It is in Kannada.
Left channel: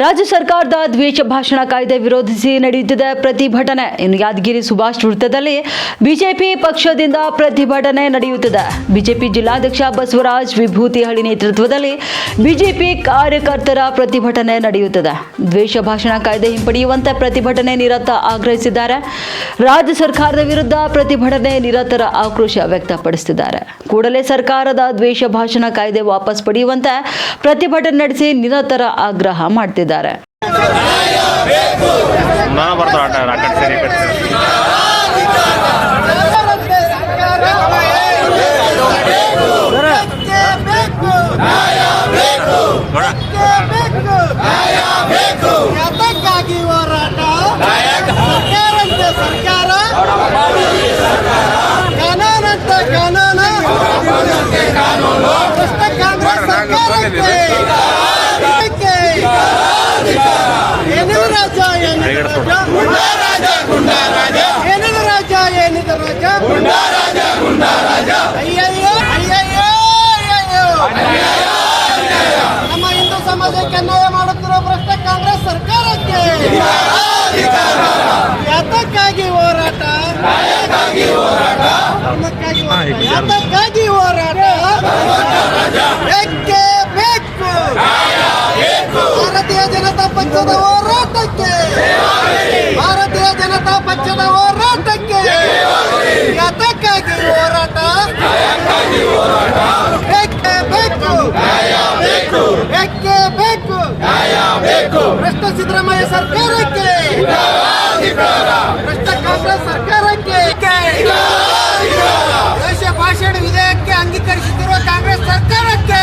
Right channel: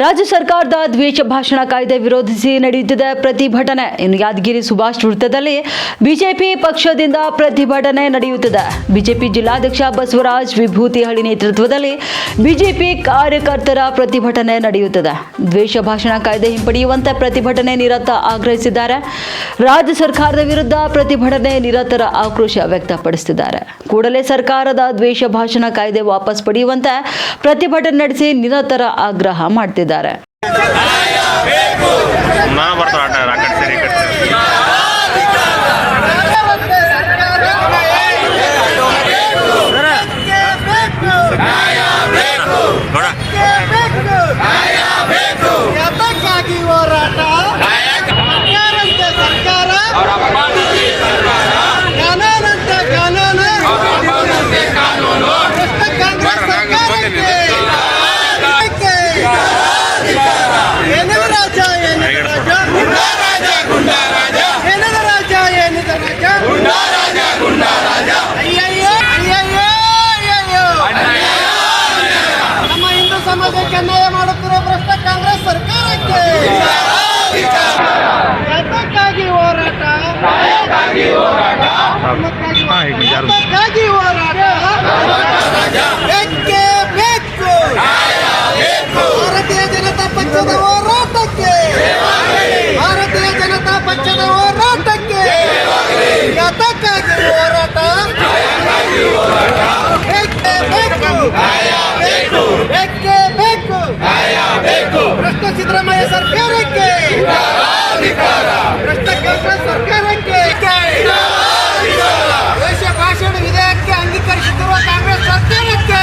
ರಾಜ್ಯ ಸರ್ಕಾರದ ದ್ವೇಷ ಭಾಷಣ ಕಾಯ್ದೆ ವಿರೋಧಿಸಿ ನಡೆಯುತ್ತಿದೆ ಪ್ರತಿಭಟನೆ. ಇನ್ನು ಯಾದಗಿರಿ ಸುಭಾಷ್ ವೃತ್ತದಲ್ಲಿ ಬಿಜೆಪಿ ಪಕ್ಷದಿಂದ ಪ್ರತಿಭಟನೆ ನಡೆಯುತ್ತಿದೆ. ಬಿಜೆಪಿ ಜಿಲ್ಲಾಧ್ಯಕ್ಷ ಬಸವರಾಜ್ ವಿಭೂತಿಹಳ್ಳಿ ನೇತೃತ್ವದಲ್ಲಿ ಬಿಜೆಪಿ ಕಾರ್ಯಕರ್ತರ ಪ್ರತಿಭಟನೆ ನಡೆಯುತ್ತಿದೆ. ದ್ವೇಷ ಭಾಷಣ ಕಾಯ್ದೆ ಹಿಂಪಡೆಯುವಂತೆ ಪ್ರತಿಭಟನೆ ನಿರತ ಆಗ್ರಹಿಸಿದ್ದಾರೆ. ರಾಜ್ಯ ಸರ್ಕಾರದ ವಿರುದ್ಧ ಪ್ರತಿಭಟನೆ ನಿರತರ ಆಕ್ರೋಶ ವ್ಯಕ್ತಪಡಿಸಿದ್ದಾರೆ. ಕೂಡಲೇ ಸರ್ಕಾರದ ದ್ವೇಷ ಭಾಷಣ ಕಾಯ್ದೆ ವಾಪಸ್ ಪಡೆಯುವಂತೆ ಪ್ರತಿಭಟನೆ ನಡೆಸಿ ನಿರತರ ಆಗ್ರಹ ಮಾಡುತ್ತಿದ್ದಾರೆ. ನಮ್ಮ ಹಿಂದೂ ಸಮಾಜಕ್ಕೆ ಅನ್ಯಾಯ ಮಾಡುತ್ತಿರುವ ಭ್ರಷ್ಟ ಕಾಂಗ್ರೆಸ್ ಸರ್ಕಾರಕ್ಕೆ ಯಾತಕ್ಕಾಗಿ ಹೋರಾಟ, ಯಾತಕ್ಕಾಗಿ ಹೋರಾಟ ಬೇಕೇ ಬೇಕು. ಭಾರತೀಯ ಜನತಾ ಪಕ್ಷದ ಹೋರಾಟಕ್ಕೆ, ಭಾರತೀಯ ಜನತಾ ಪಕ್ಷದ ಹೋರಾಟಕ್ಕೆ ಯಾತಕ್ಕಾಗಿ ಹೋರಾಟ ಬೇಕೇ ಬೇಕು, ಬೇಕೇ ಬೇಕು. ಭ್ರಷ್ಟ ಸಿದ್ದರಾಮಯ್ಯ ಸರ್ಕಾರಕ್ಕೆ, ಭ್ರಷ್ಟ ಕಾಂಗ್ರೆಸ್ ಸರ್ಕಾರಕ್ಕೆ, ದೇಶ ಭಾಷಣ ವಿಧೇಯಕಕ್ಕೆ ಅಂಗೀಕರಿಸುತ್ತಿರುವ ಕಾಂಗ್ರೆಸ್ ಸರ್ಕಾರಕ್ಕೆ,